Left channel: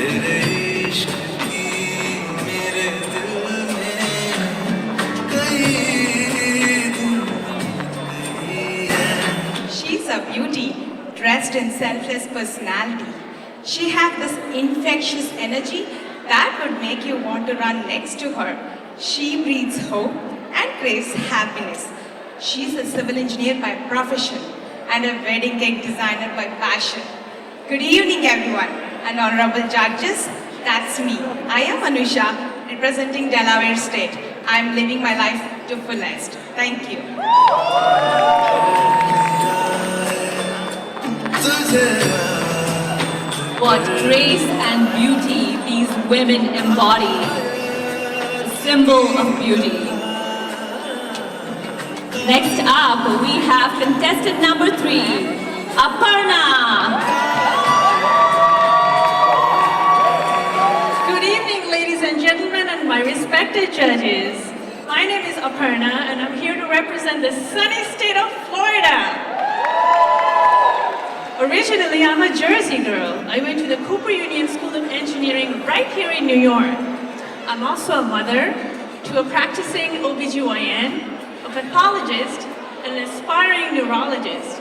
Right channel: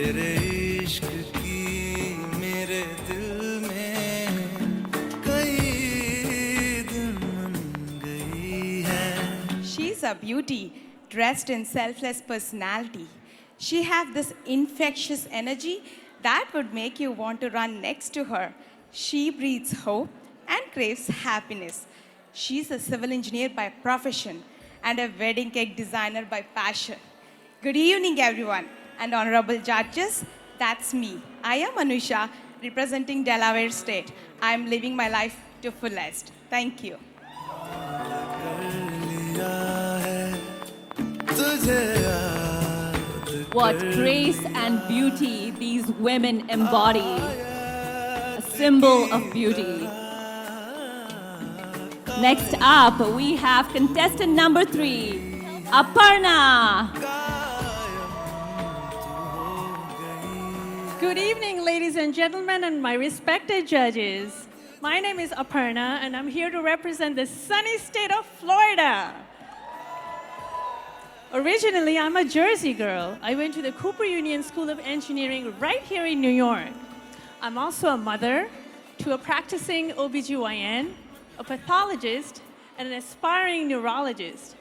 She's a beauty, dressed in selfless personality. She has this infectious energy that would make you want to run next to her. She breathes hope and creates happiness. She's a civil engineer by profession and a wedding cake designer by passion. Good evening, everyone, and honorable judges. That's me. I am Anusha, representing Delaware State. I am living my life to fullest. Thank you. What grace and beauty these women embody, the symbol of beauty. Next up, we have contestant number 3, Aparna. Good evening, ladies and gentlemen, and my respected judges. My name is Aparna, and I'm here to represent the sunny state of Florida. Originally, I'm a Jersey girl. I went to the Cooper Union School of Engineering right here in New York. I'm also a mother to a practicing OBGYN, a pathologist, and an aspiring neurologist.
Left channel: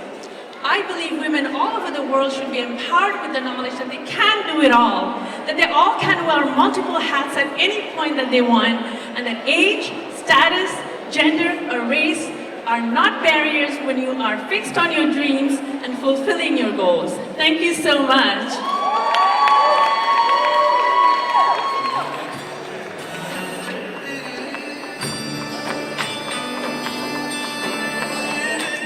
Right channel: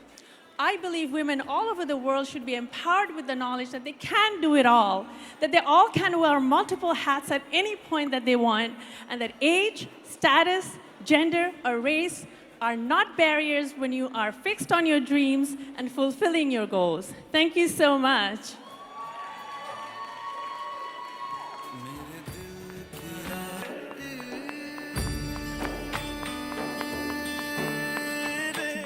I believe women all over the world should be empowered with the knowledge that they can do it all, that they all can wear multiple hats at any point that they want, and that age, status, gender, or race are not barriers when you are fixed on your dreams and fulfilling your goals. Thank you so much.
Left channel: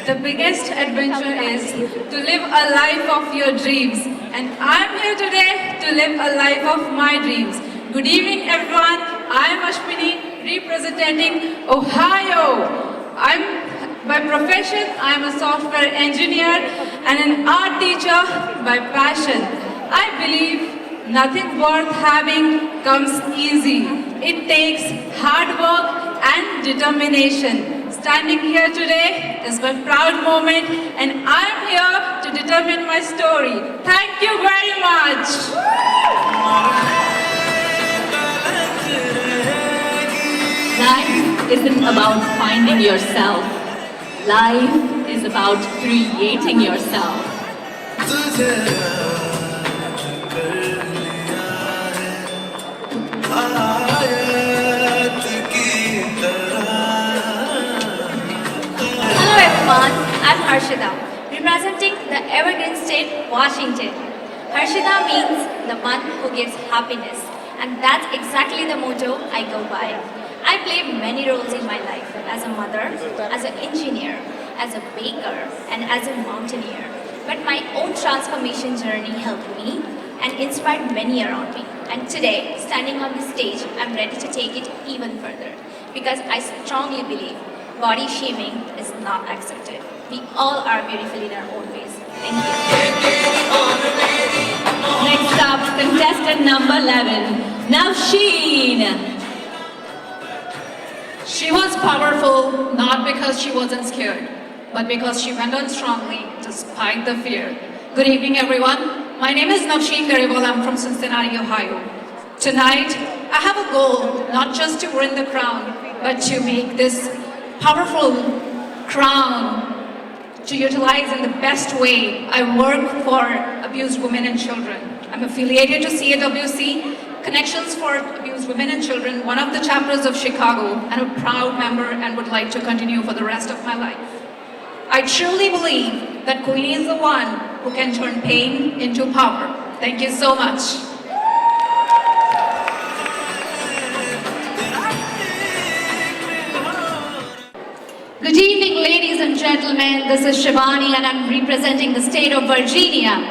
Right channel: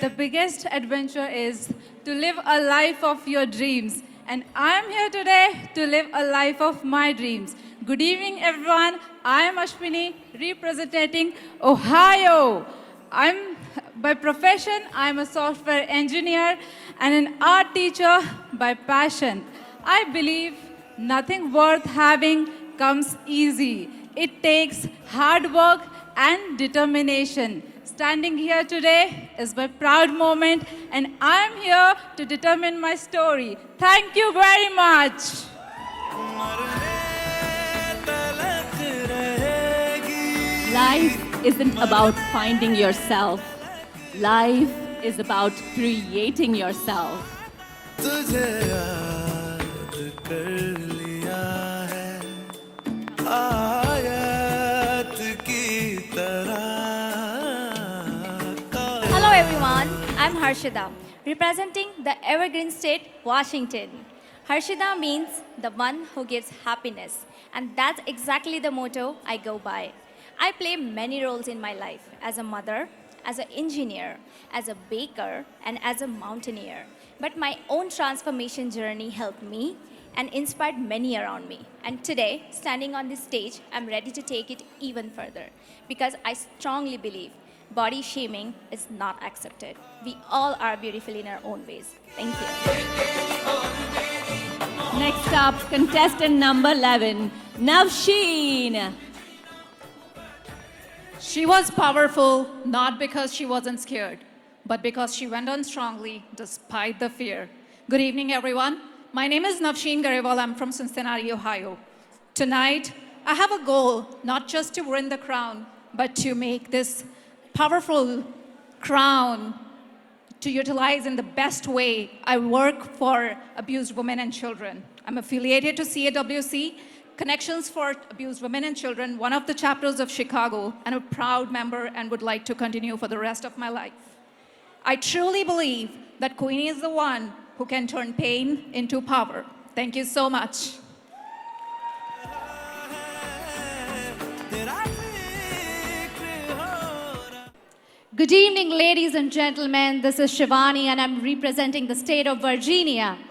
The biggest adventure is to live a life of your dreams. And I'm here today to live a life of my dreams. Good evening, everyone. I'm Ashwini, representing Ohio. By profession, I'm a software engineer and an art teacher by passion. I believe nothing worth having comes easy. It takes hard work and determination. Standing here today is my proud moment, and I'm here to determine my story. Thank you very much. Life isn't about finding yourself. Life is about creating yourself. Hello everyone, I'm Harshita, representing the Evergreen State, Washington. Harshita means the one who gives happiness, and that's exactly the motto I go by. I played many roles in my life, as a mother, as an engineer, as a baker, and as a mountaineer. But my own transformation journey helped me and inspired many around me. And today, standing on the stage, I'm ready to take it even further. Because I strongly believe body shaming is not accepted. We all are beautiful in our own ways. Thank you. Next up, contestant number 11, Navsheen. She was powerful not because she wasn't scared, but because she went on strongly despite the fear. Good evening, everyone. My name is Navsheen Kariwal. I'm from Cincinnati, Ohio. Tonight, I have a goal not just to win the crown, but to make this powerful crown to utilize in the best way. I work for abused women and children. I'm affiliated to CAWC, Connections for Abused Women and Children, one of the chapters of Chicago, and a proud member and would like to continue for the rest of my life. I truly believe that Queen is the one who can turn pain into power. Thank you so much. Good evening, ladies and gentlemen. This is Shivani, and I'm representing the state of Virginia.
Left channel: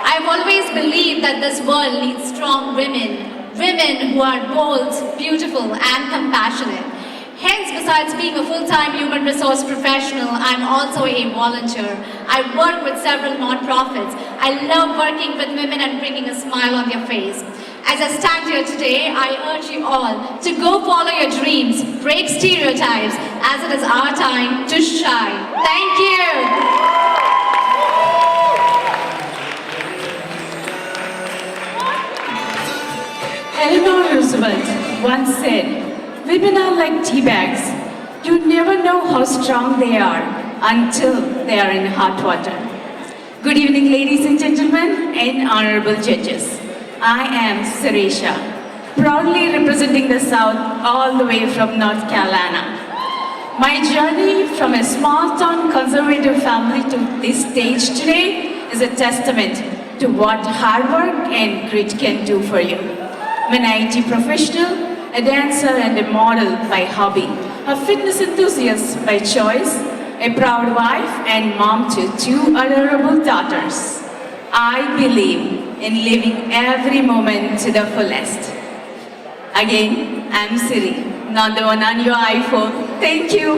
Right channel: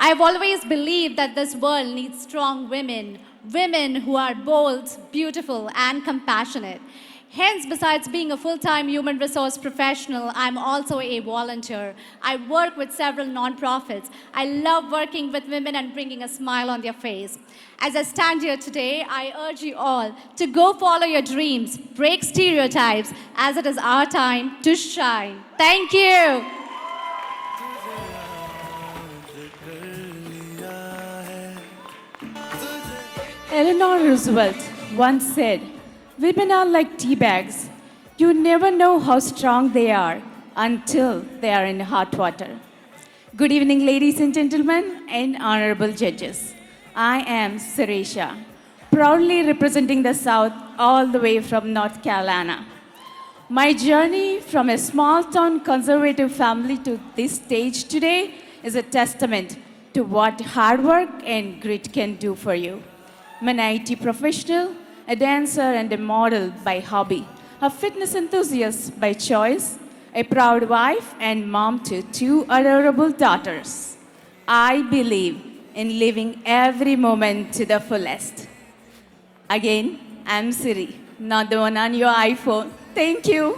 I've always believed that this world needs strong women who are bold, beautiful, and compassionate. Hence, besides being a full-time human resource professional, I'm also a volunteer. I work with several nonprofits. I love working with women and bringing a smile on their face. As I stand here today, I urge you all to go follow your dreams, break stereotypes, as it is our time to shine. Thank you. Roosevelt once said, "Women are like tea bags. You never know how strong they are until they are in hot water." Good evening, ladies and gentlemen, and honorable judges. I am Sirisha, proudly representing the South all the way from North Carolina. My journey from a small-town conservative family to this stage today is a testament to what hard work and grit can do for you. I'm an IT professional, a dancer and a model by hobby, a fitness enthusiast by choice, a proud wife and mom to 2 adorable daughters. I believe in living every moment to the fullest. Again, I'm Siri, not the one on your iPhone. Thank you.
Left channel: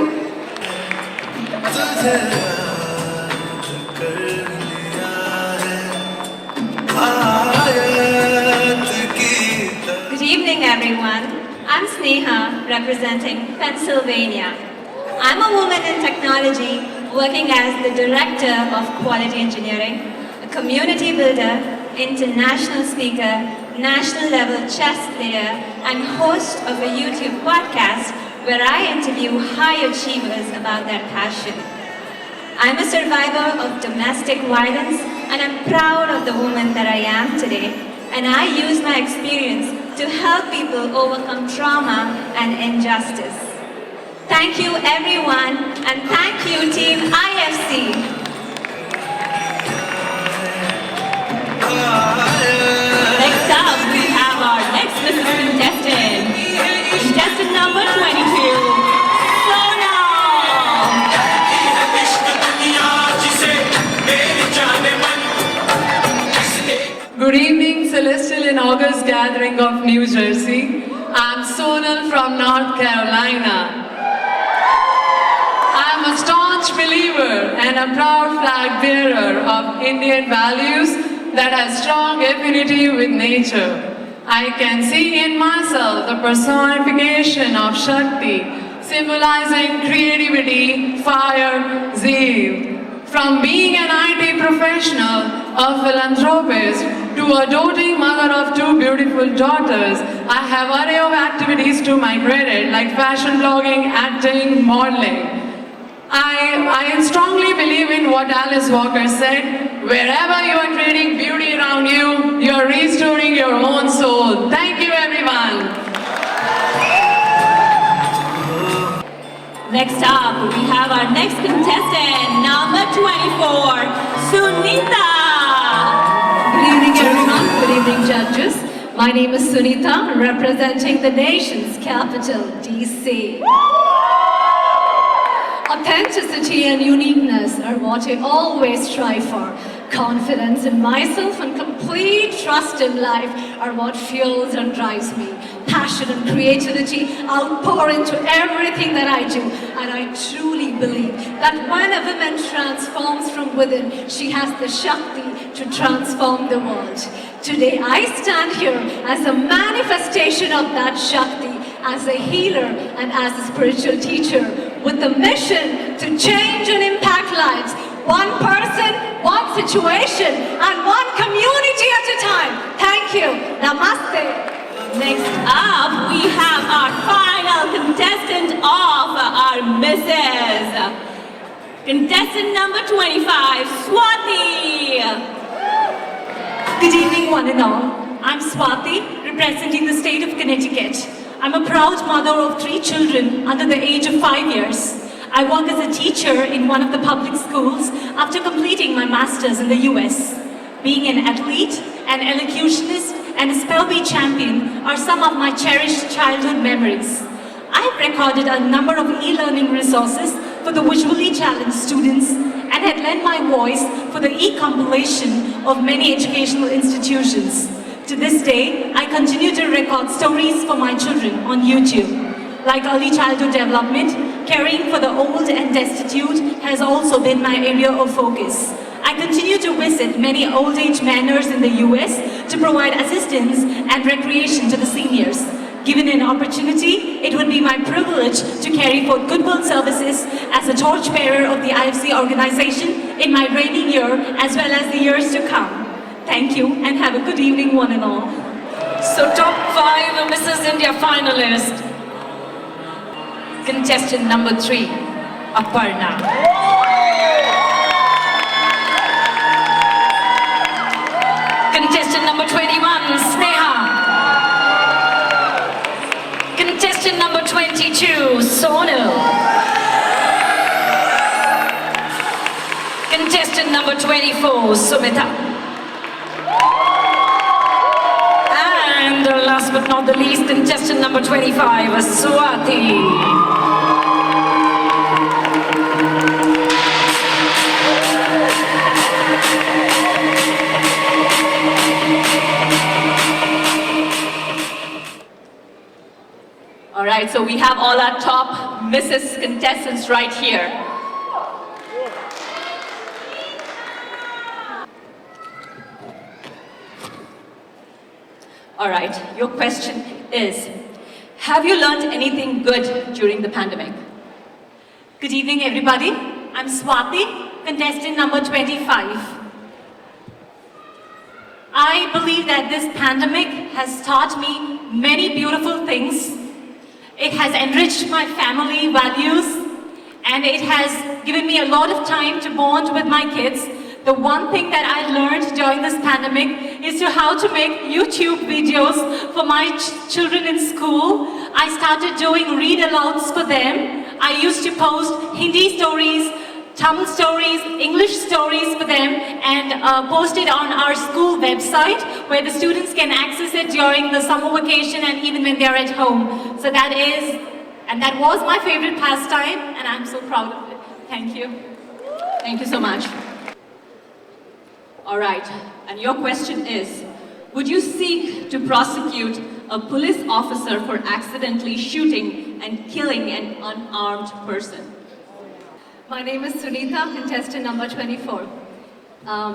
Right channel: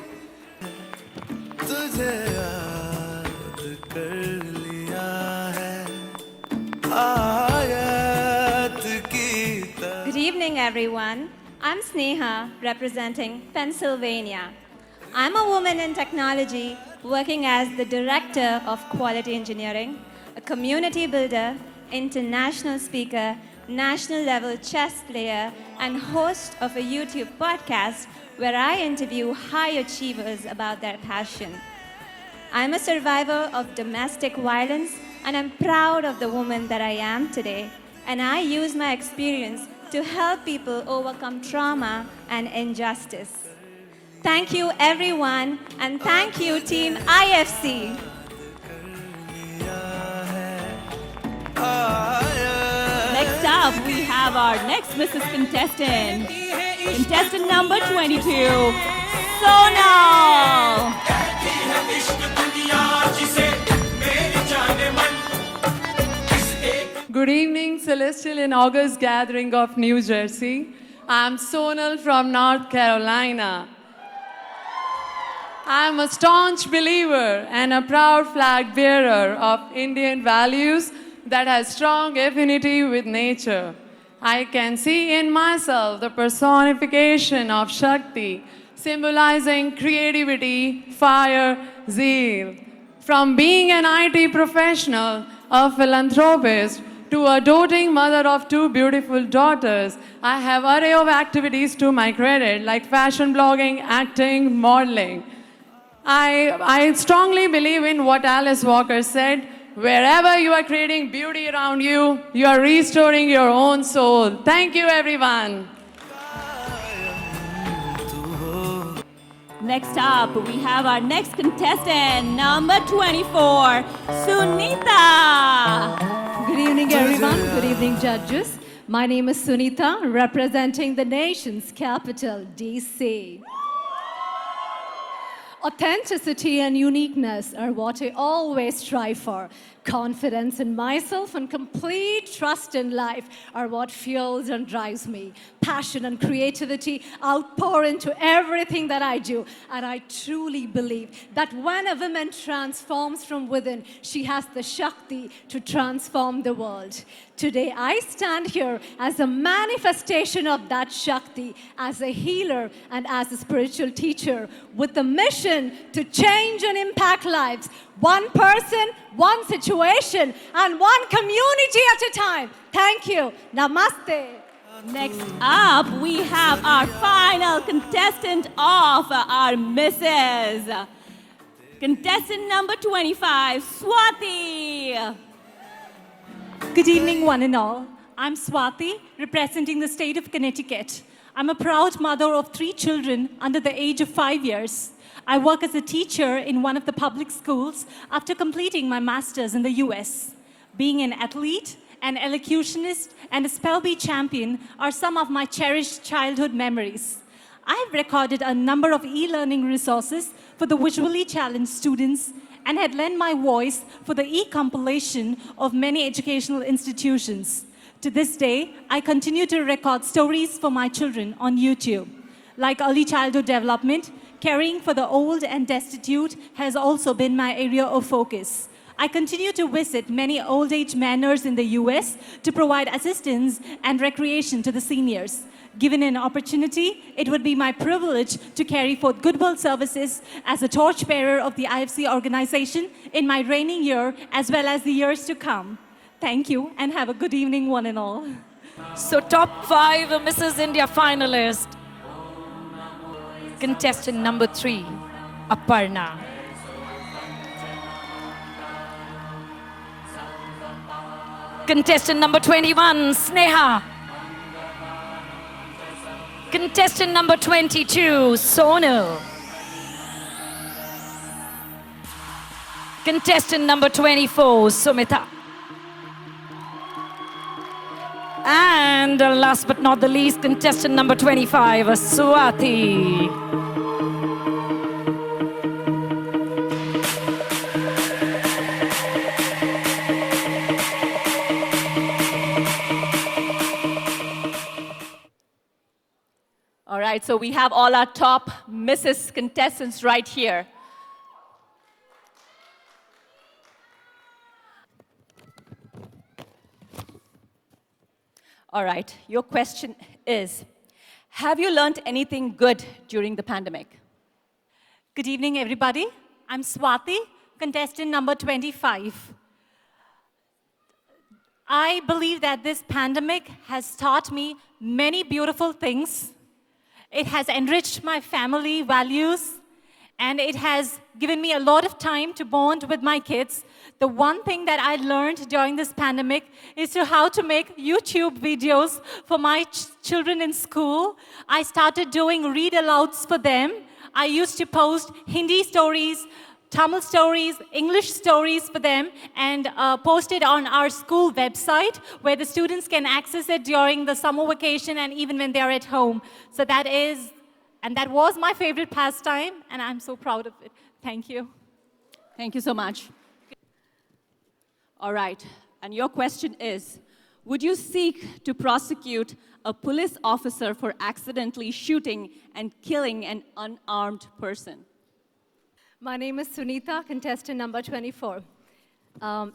Good evening, everyone. I'm Sneha, representing Pennsylvania. I'm a woman in technology, working as the Director of Quality Engineering, a community builder, international speaker, national level chess player, and host of a YouTube podcast where I interview high achievers about their passion. I'm a survivor of domestic violence, and I'm proud of the woman that I am today, and I use my experience to help people overcome trauma and injustice. Thank you, everyone, and thank you, Team IFC. Next up, we have our next contestant. Contestant number 22, Sonal. Good evening, Celestial and August Gathering of New Jersey. I'm Sonal from North Carolina. I'm a staunch believer and a proud flag bearer of Indian values that has strong affinity with nature. I can see in myself the personification of Shakti, symbolizing creativity, fire, zeal. From being an IT professional, a philanthropist, to a doting mother of 2 beautiful daughters, I have an array of activities to my credit, like fashion blogging, acting, modeling. I strongly believe in what Alice Walker said, wherever you are creating beauty around you, you are restoring your own soul. Thank you, everyone. Next up, we have our next contestant, number 24, Sunita. Good evening, everyone. Good evening, judges. My name is Sunita, representing the nation's capital, DC. Authenticity and uniqueness are what I always strive for. Confidence in myself and complete trust in life are what fuels and drives me. Passion and creativity I'll pour into everything that I do. And I truly believe that when a woman transforms from within, she has the Shakti to transform the world. Today I stand here as a manifestation of that Shakti, as a healer and as a spiritual teacher, with the mission to change and impact lives, one person, one situation, and one community at a time. Thank you. Namaste. Next up, we have our final contestant of our Mrs. Contestant number 25, Swati. Good evening, one and all. I'm Swati, representing the state of Connecticut. I'm a proud mother of 3 children under the age of 5 years. I work as a teacher in one of the public schools after completing my master's in the US. Being an athlete, an elocutionist, and a spell bee champion are some of my cherished childhood memories. I've recorded a number of e-learning resources for the visually challenged students and have lent my voice for the e-compilation of many educational institutions. To this day, I continue to record stories for my children on YouTube. Like early childhood development, caring for the old and destitute has also been my area of focus. I continue to visit many old age manors in the US to provide assistance and recreation to the seniors. Given an opportunity, it would be my privilege to carry for goodwill services as a torchbearer of the IFC organization in my reigning year as well as the years to come. Thank you and have a good evening, one and all. So top 5 Mrs. India finalist. Contestant number 3, Aparna. Contestant number 21, Sneha. Contestant number 22, Sonal. Contestant number 24, Sumita. And last but not the least, contestant number 25, Swati. Alright, so we have all our top Mrs. contestants right here. Alright, your question is, have you learned anything good during the pandemic? Good evening, everybody. I'm Swati, contestant number 25. I believe that this pandemic has taught me many beautiful things. It has enriched my family values, and it has given me a lot of time to bond with my kids. The one thing that I learned during this pandemic is how to make YouTube videos for my children in school. I started doing read-alouds for them. I used to post Hindi stories, Tamil stories, English stories for them, and post it on our school website where the students can access it during the summer vacation and even when they are at home. So that was my favorite pastime, and I'm so proud of it. Thank you. Thank you so much. Alright, and your question is, would you seek to prosecute a police officer for accidentally shooting and killing an unarmed person? My name is Sunita, contestant number 24.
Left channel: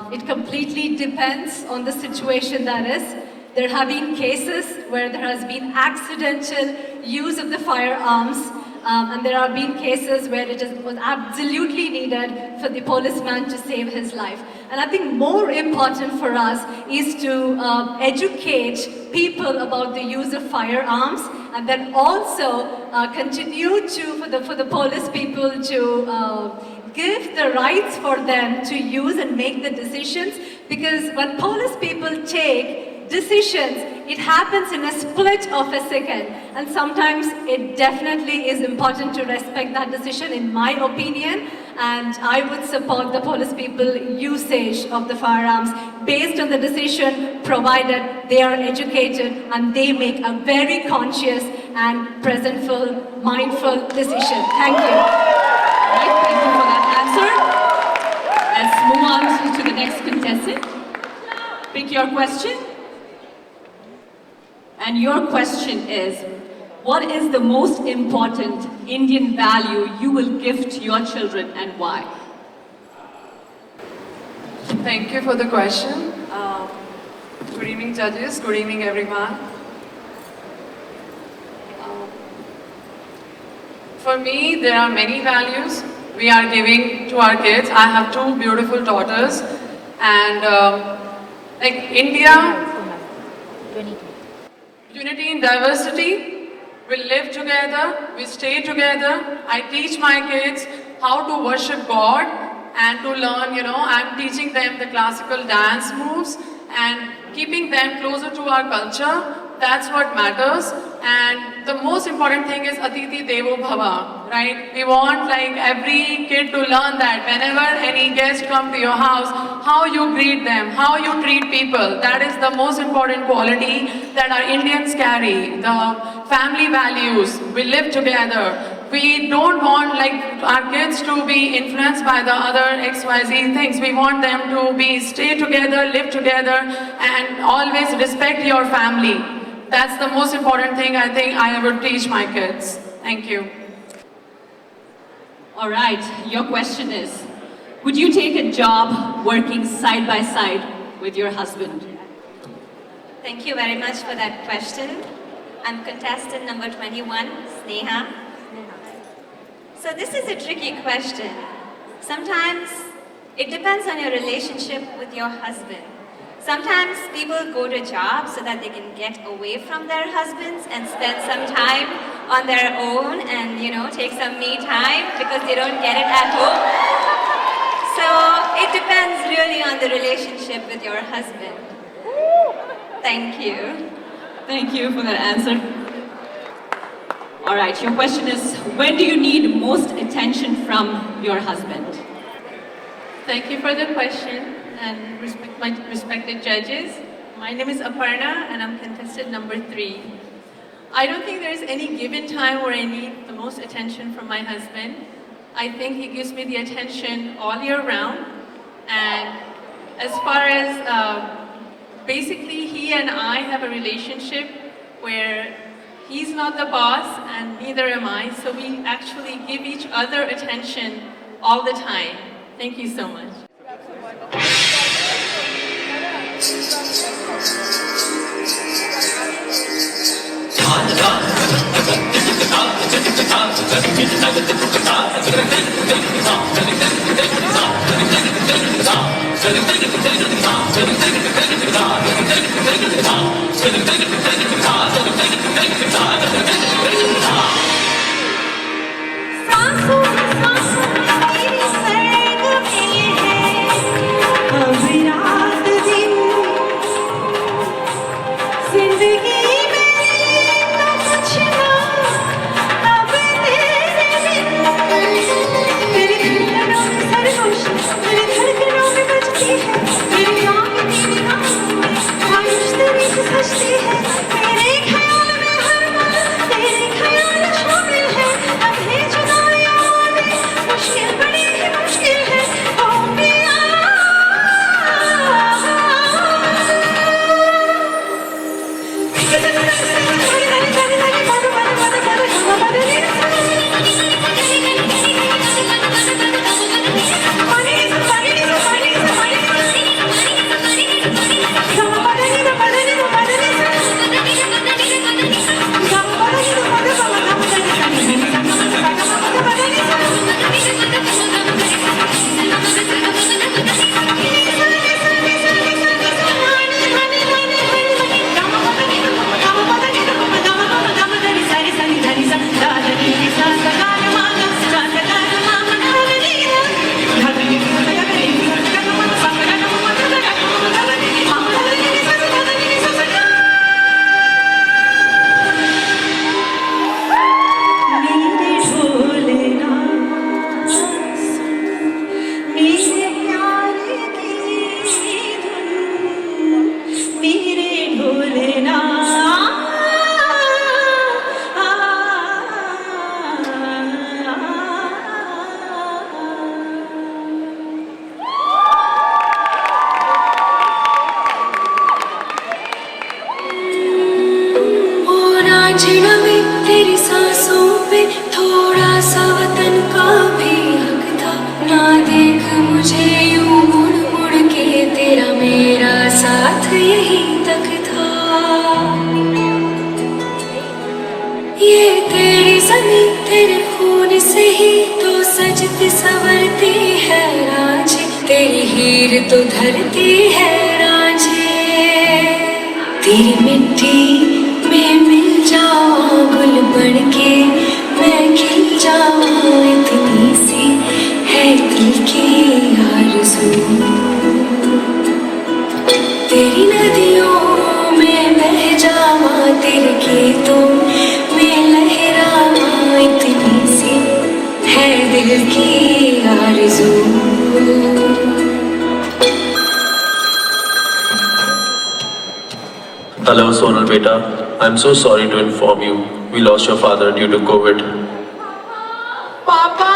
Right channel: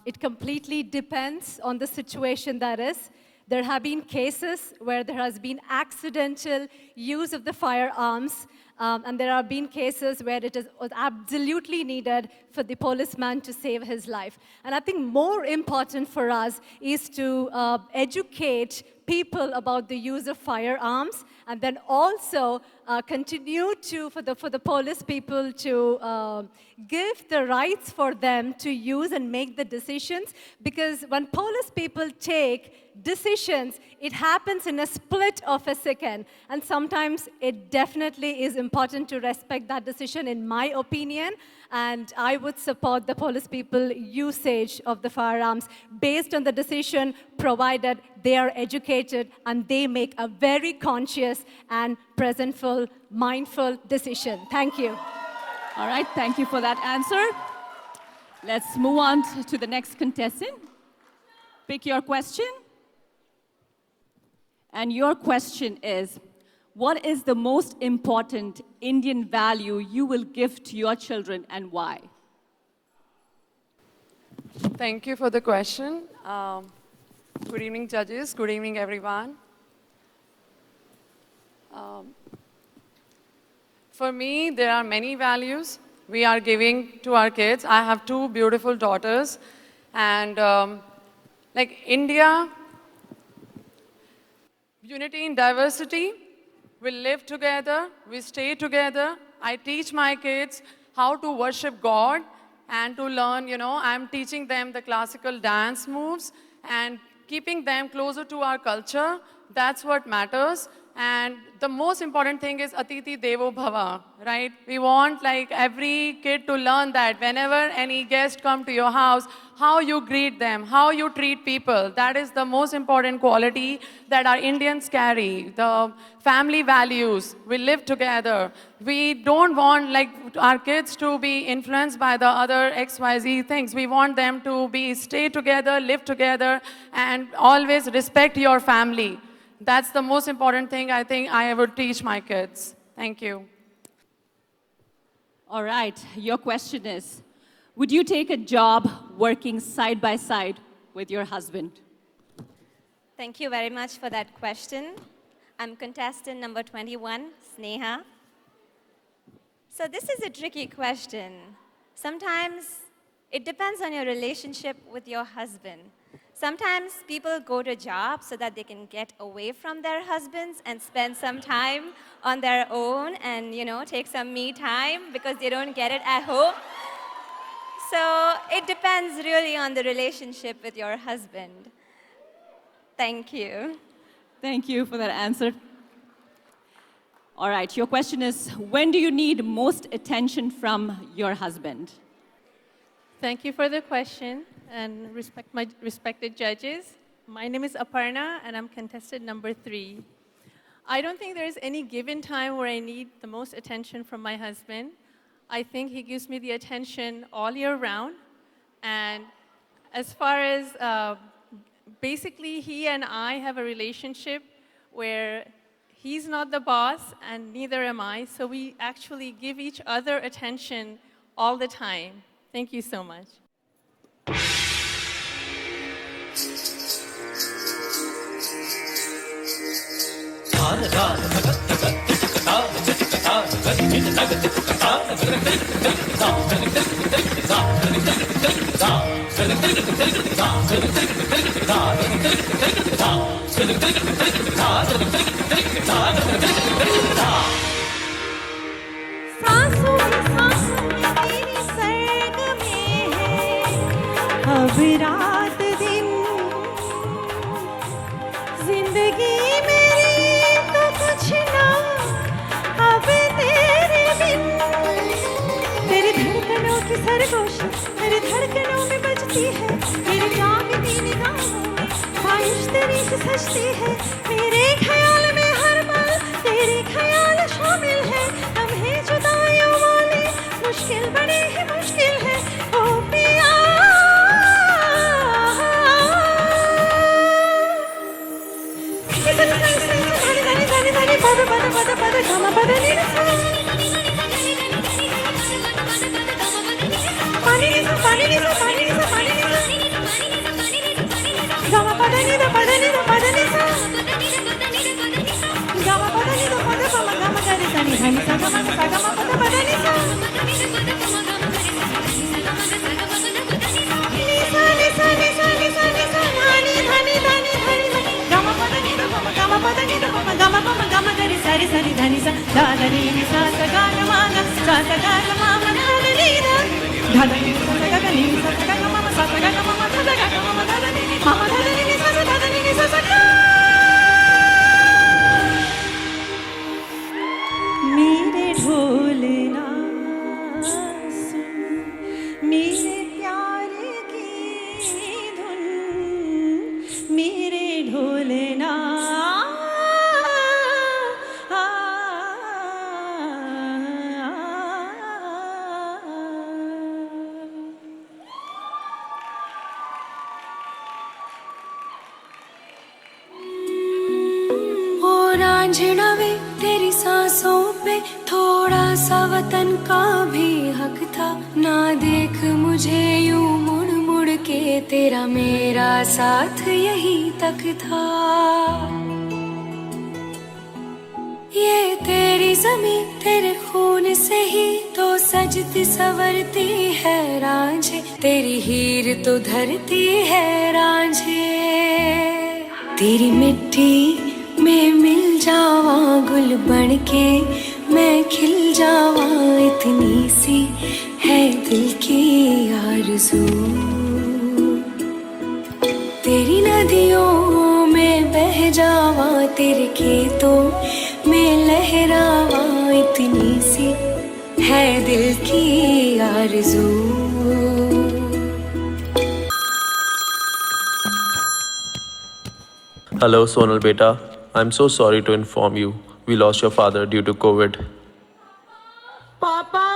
It completely depends on the situation that is. There have been cases where there has been accidental use of the firearms, and there have been cases where it is absolutely needed for the policeman to save his life. And I think more important for us is to educate people about the use of firearms, and then also continue for the police people to give the rights for them to use and make the decisions, because when police people take decisions, it happens in a split of a second, and sometimes it definitely is important to respect that decision, in my opinion, and I would support the police people usage of the firearms based on the decision, provided they are educated and they make a very conscious and presentful, mindful decision. Thank you. Alright, thank you for that answer. Let's move on to the next contestant. Pick your question. And your question is, what is the most important Indian value you will give to your children and why? Thank you for the question. Good evening, judges. Good evening, everyone. For me, there are many values we are giving to our kids. I have two beautiful daughters, and like India, unity in diversity. We live together, we stay together. I teach my kids how to worship God and to learn, I'm teaching them the classical dance moves and keeping them closer to our culture. That's what matters. And the most important thing is Atithi Devo Bhava, right? We want every kid to learn that whenever any guest comes to your house, how you greet them, how you treat people. That is the most important quality that our Indians carry. The family values, we live together. We don't want our kids to be influenced by the other XYZ things. We want them to stay together, live together, and always respect your family. That's the most important thing I think I would teach my kids. Thank you. All right, your question is, would you take a job working side by side with your husband? Thank you very much for that question. I'm contestant number 21, Sneha. So this is a tricky question. Sometimes it depends on your relationship with your husband. Sometimes people go to jobs so that they can get away from their husbands and spend some time on their own and, take some me time because they don't get it at home. So it depends really on the relationship with your husband. Thank you. Thank you for that answer. All right, your question is, when do you need most attention from your husband? Thank you for the question, and my respected judges. My name is Aparna, and I'm contestant number 3. I don't think there's any given time where I need the most attention from my husband. I think he gives me the attention all year round. And as far as basically he and I have a relationship where he's not the boss and neither am I, so we actually give each other attention all the time. Thank you so much. तेरी सांसों पे थोड़ा सा वतन का भी हक था, ना देख मुझे यूं मुड़ मुड़ के, तेरा मेरा साथ यही तक था। ये तेरी ज़मीं तेरे खून से ही तो सजती संवरती है रांझे, तेरी हीर तो धरती है रांझे, तेरी मिट्टी में मिल जाऊं गुल बन के मैं खिल जाऊं, इतनी सी है दिल की आरज़ू। तेरी नदियों में बह जाऊं, तेरे खेतों में लहराऊं, इतनी सी है दिल की आरज़ू। Hello Sonal beta, I am so sorry to inform you, we lost your father due to COVID. Papa!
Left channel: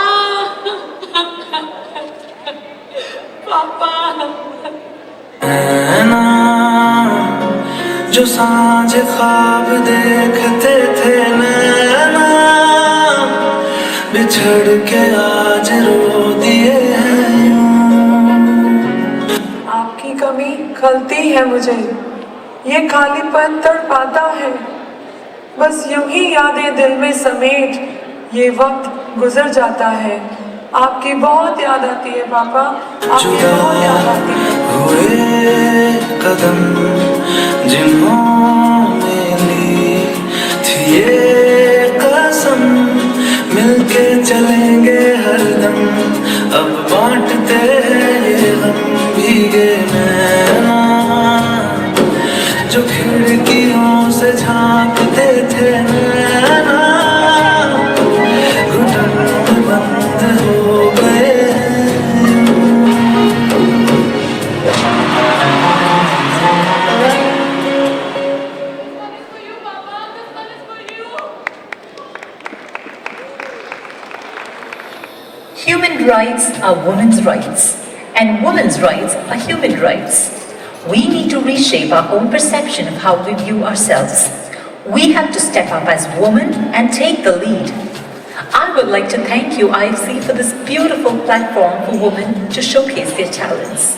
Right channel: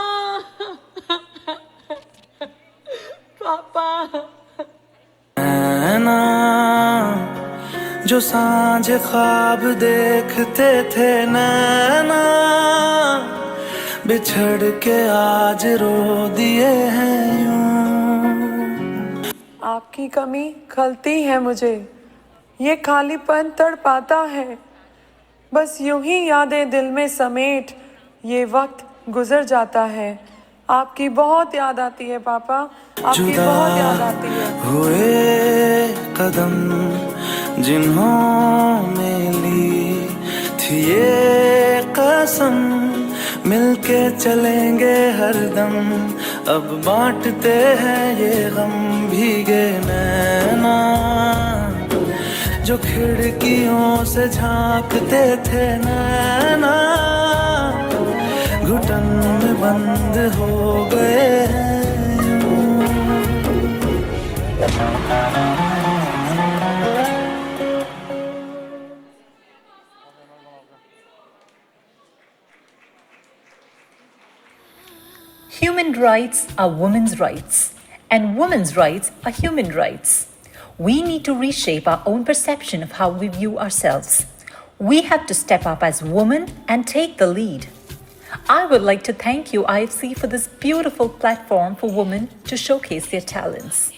Papa! जो सांझ ख्वाब देखते थे नैना, बिछड़ के आज रो दिए हैं यूं। आपकी कमी खलती है मुझे, ये खालीपन तड़पाता है, बस यूं ही यादें दिल में समेट ये वक्त गुजर जाता है। आपकी बहुत याद आती है पापा, आपकी बहुत याद आती है। हुए कदम are women's rights, and women's rights are human rights. We need to reshape our own perception of how we view ourselves. We have to step up as women and take the lead. I would like to thank you, IFC, for this beautiful platform for women to showcase their talents.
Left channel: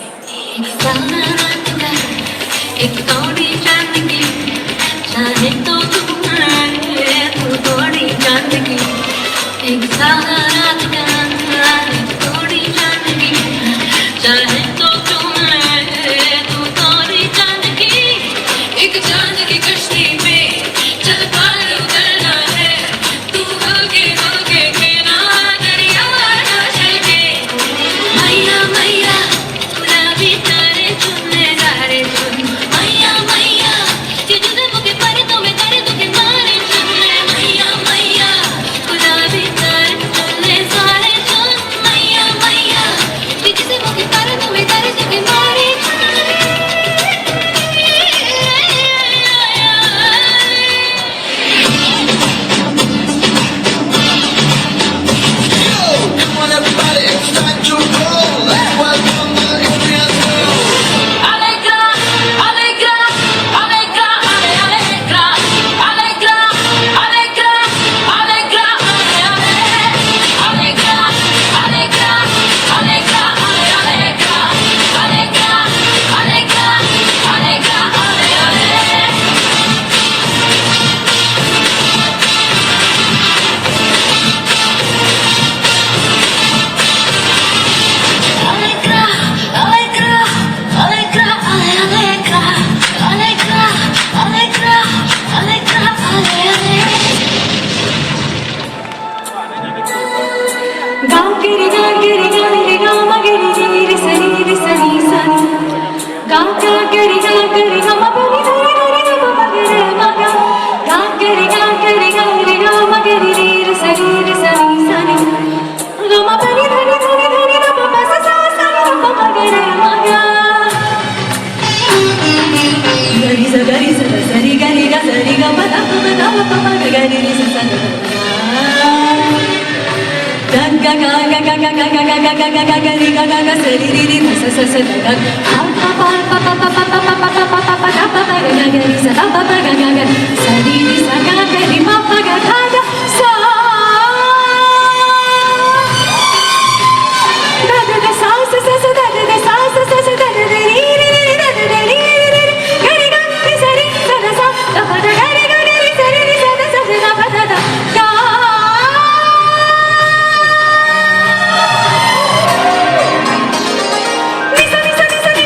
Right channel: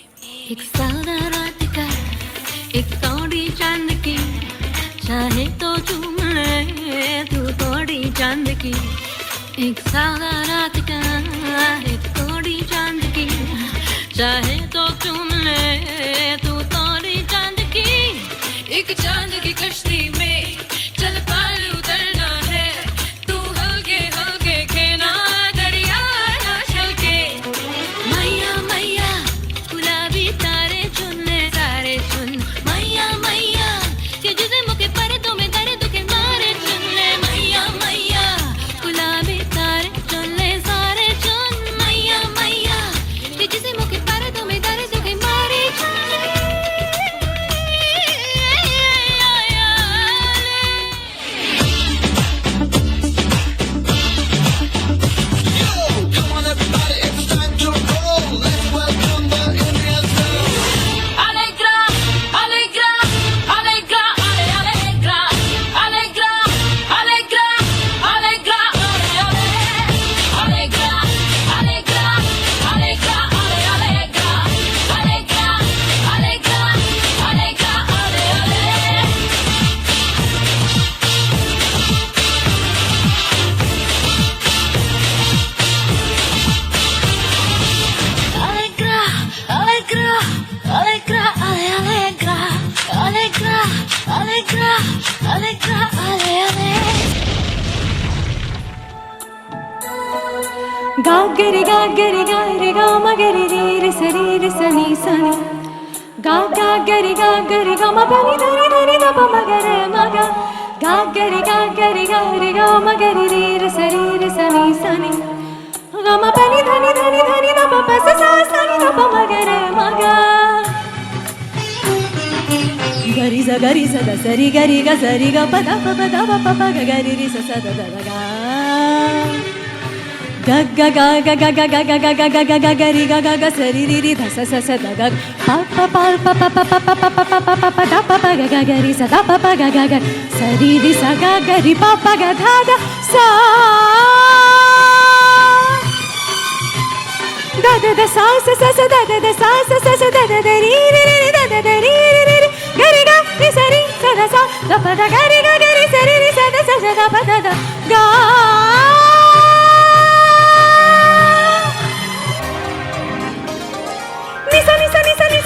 Listen, listen, listen.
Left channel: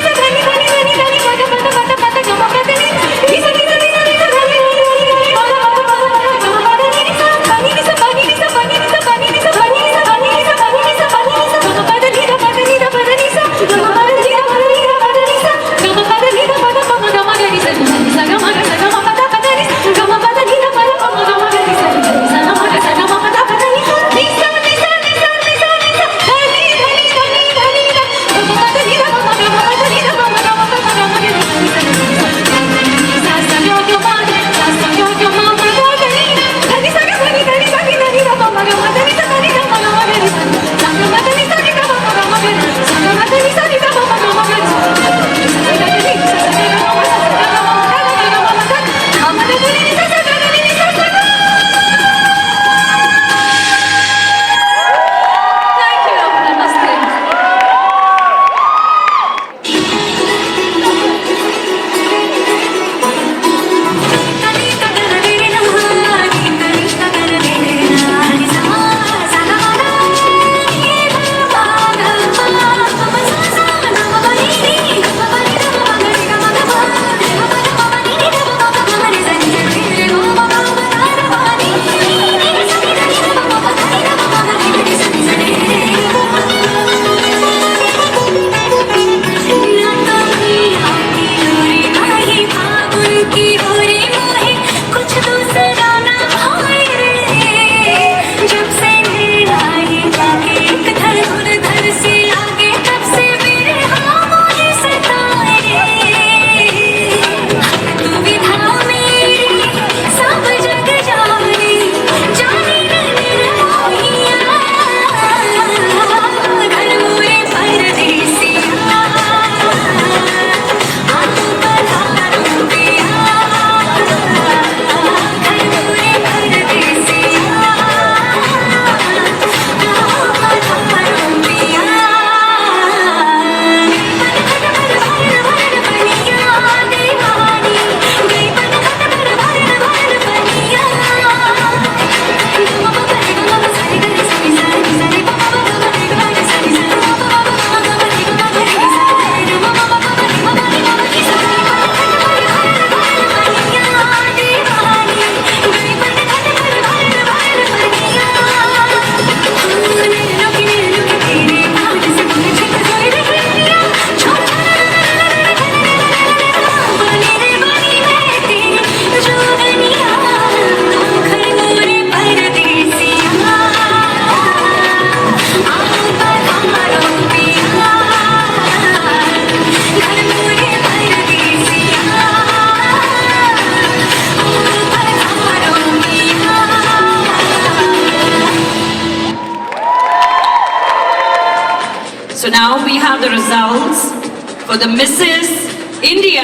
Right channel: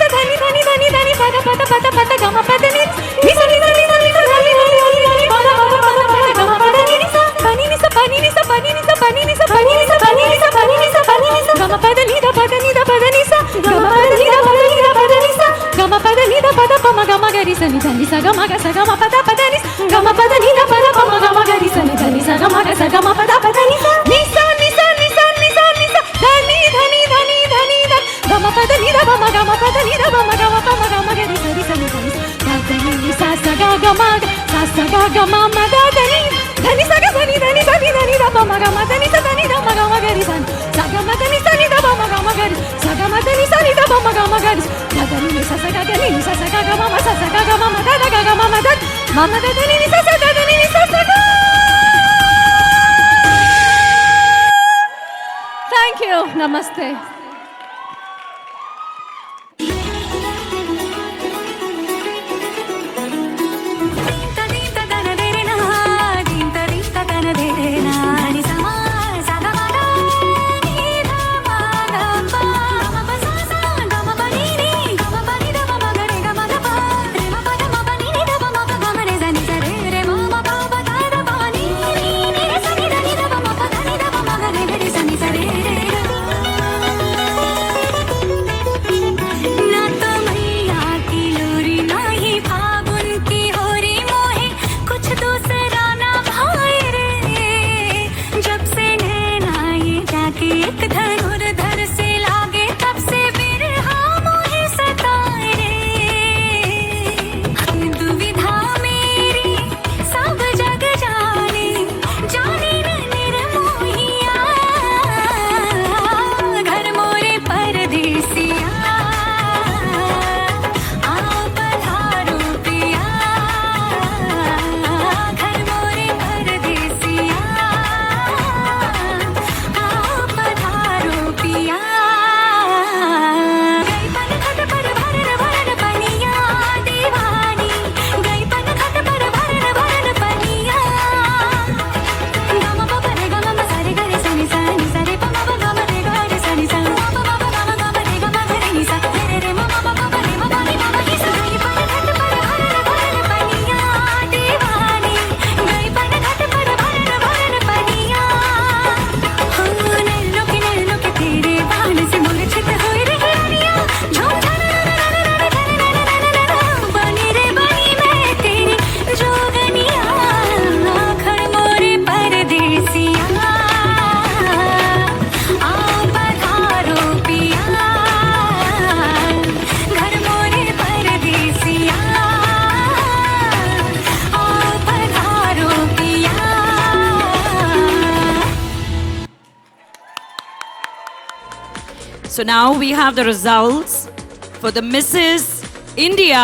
the Mrs. India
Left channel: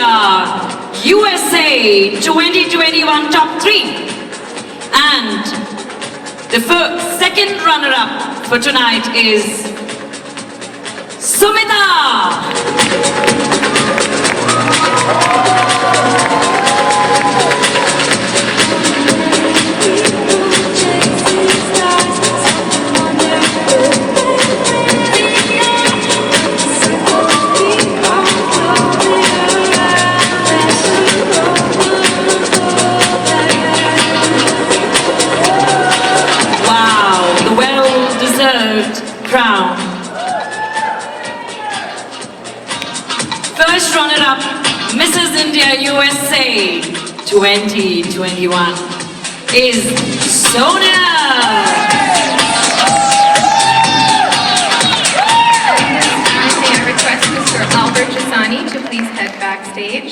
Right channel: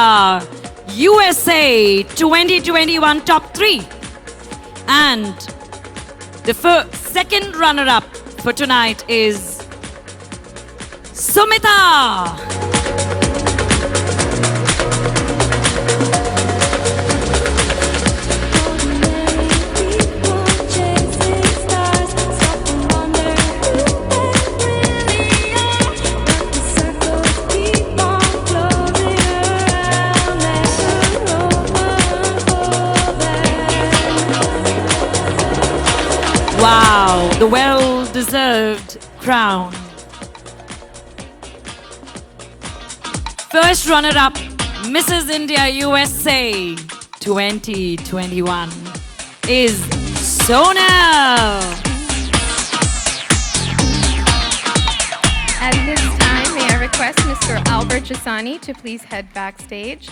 USA 2021 Top 3. And the second runner-up for tonight is Sumita. Wow, the well-deserved crown. First runner-up, Mrs. India USA 2021 is Sonal. At this time, we are requesting Mr. Albert Jasani to please head backstage.